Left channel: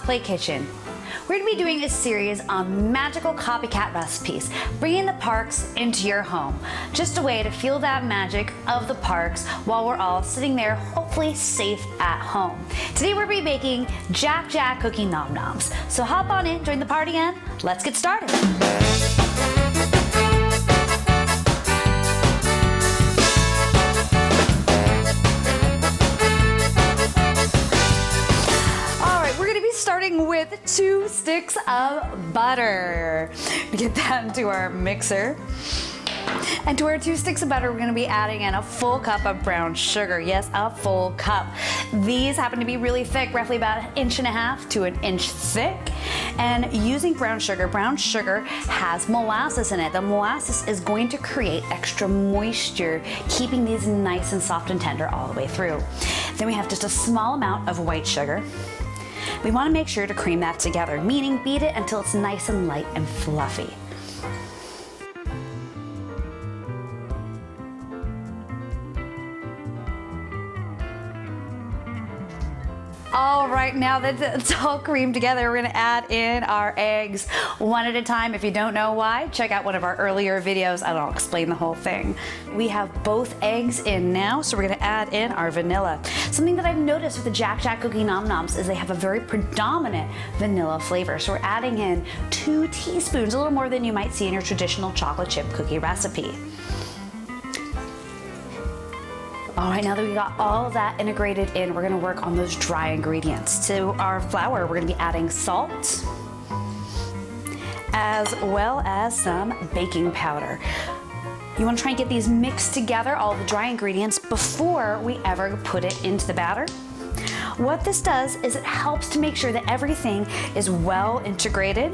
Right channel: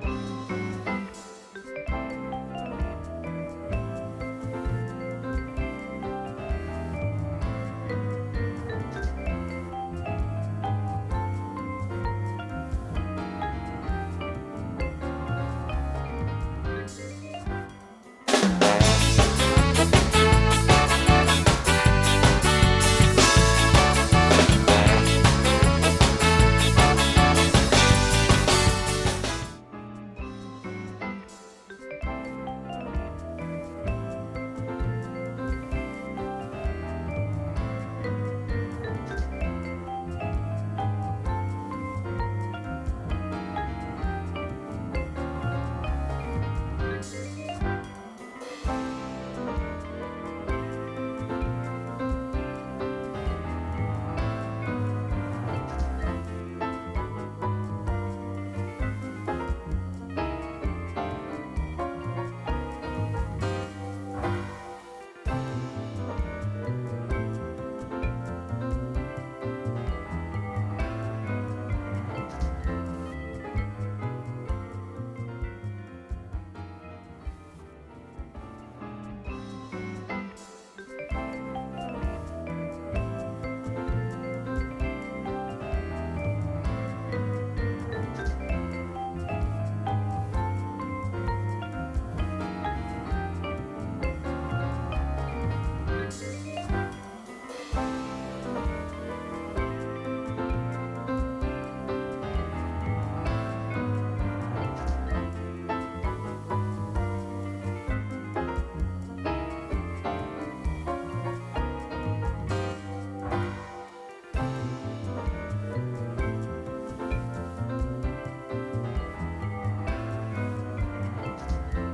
Cosplay Kitchen. We're going to be doing a series on magical copycat recipes, bringing the parks into your home. Just a way to feel that magic of the parks while we're all sitting there, hopefully safe at home. Today we're going to be baking Jack cookie Nomm Nomms. So hop on in, join the party, and let's get started. Starting with 2 sticks of butter. Get that into our mixer. And to our 2 sticks of butter, we're going to be adding in a full cup of brown sugar. Yes, a full cup. These happen to be really thick, roughly about 1.5 inches to 1 inch thick. And using brown sugar has molasses in it. The molasses is going to create extra moisture, keeping these nice and soft and tender all the way through. Then we have just a small amount of white sugar. We want to make sure to cream that together, meaning beat it until it's nice and light and fluffy. All right, now that it's all creamed together, we're going to add in our eggs one at a time. If you don't know why, check out one of our earlier videos and I'll explain the whole thing. We have both eggs in now, so we're going to add in our vanilla. Something that I've noticed with the Jack cookie Nomm Nomms is they have a very predominant vanilla flavor. So we're adding in 2 teaspoons, a little more than you might see in your traditional chocolate chip cookie recipe. All right, now that we've got all of that integrated in, we're going to work on those dry ingredients. To our flour, we're going to be adding salt, as well as some baking powder. You want to try and get these mixed together, all the dry ingredients, before we ever put it into the batter. What this does is it helps to make sure that everything is well integrated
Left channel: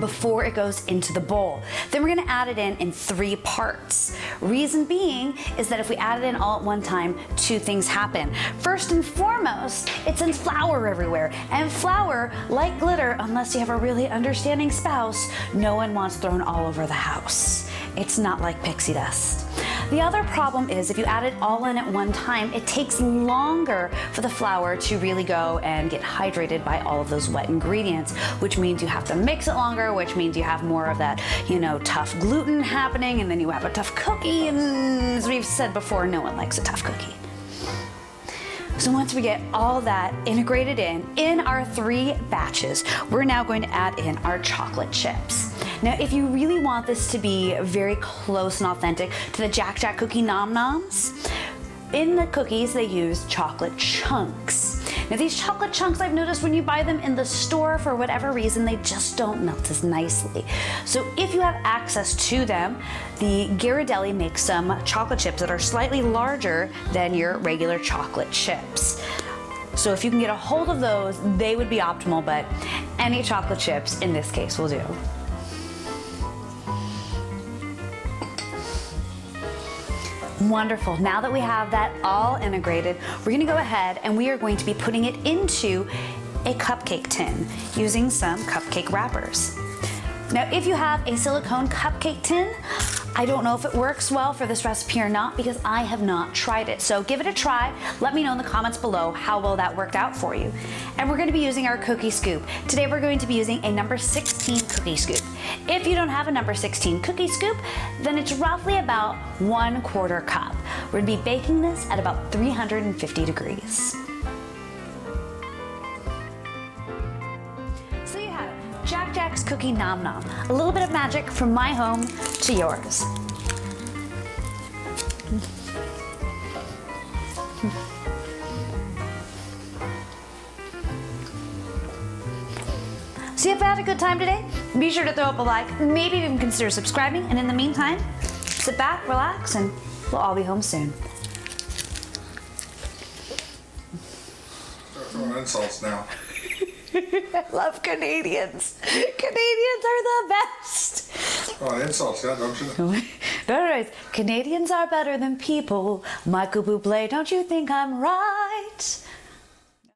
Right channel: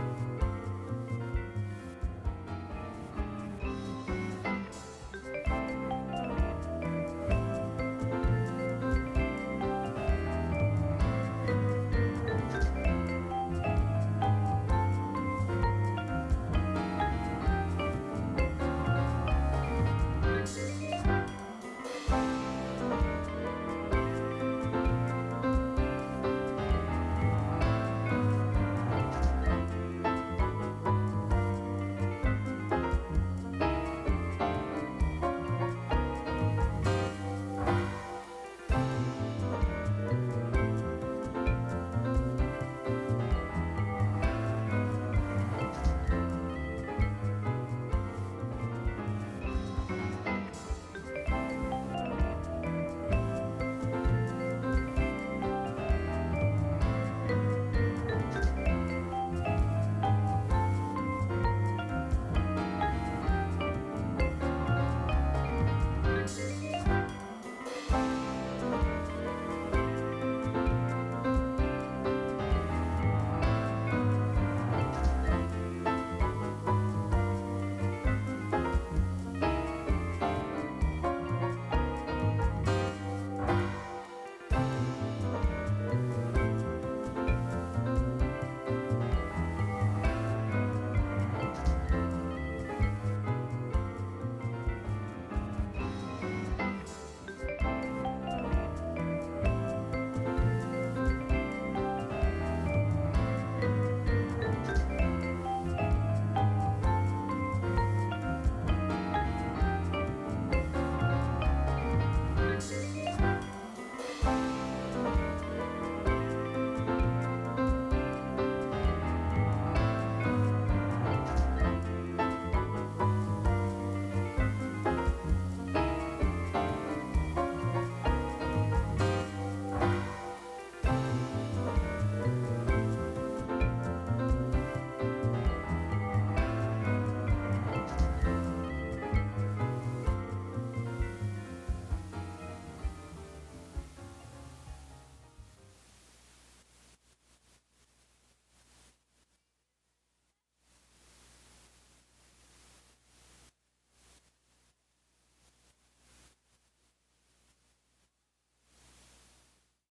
before it goes into the bowl. Then we're going to add it in 3 parts. Reason being is that if we add it in all at one time, 2 things happen. First and foremost, it sends flour everywhere. And flour, like glitter, unless you have a really understanding spouse, no one wants thrown all over the house. It's not like pixie dust. The other problem is if you add it all in at one time, it takes longer for the flour to really go and get hydrated by all of those wet ingredients, which means you have to mix it longer, which means you have more of that, tough gluten happening, and then you have a tough cookie, and as we've said before, no one likes a tough cookie. So once we get all that integrated in our 3 batches, we're now going to add in our chocolate chips. Now, if you really want this to be very close and authentic to the Jack cookie Nomm Nomms, in the cookies they use chocolate chunks. Now these chocolate chunks, I've noticed when you buy them in the store, for whatever reason, they just don't melt as nicely. So if you have access to them, the Ghirardelli makes some chocolate chips that are slightly larger than your regular chocolate chips. So if you can get a hold of those, they would be optimal, but any chocolate chips in this case will do. Wonderful. Now that we have that all integrated, we're going to go ahead and we are going to be putting it into a cupcake tin using some cupcake wrappers. Now, if you have a silicone cupcake tin, I don't know if it works well for this recipe or not because I have not tried it. So give it a try. Let me know in the comments below how well that worked out for you. And we're going to be using our cookie scoop. Today we're going to be using a number 16 cookie scoop. If you don't have a number 16 cookie scoop, then it's roughly about 1/4 cup. We're going to be baking this at about 350 degrees. Cookie Nomm Nomm. A little bit of magic from my home to yours. So if you had a good time today, be sure to throw up a like, maybe even consider subscribing, and in the meantime, sit back, relax, and we'll all be home soon. Start throwing insults now. I love Canadians. Canadians are the best. Oh, insults, yeah, don't you? Canadians are better than people. Michael Bublé, don't you think I'm right?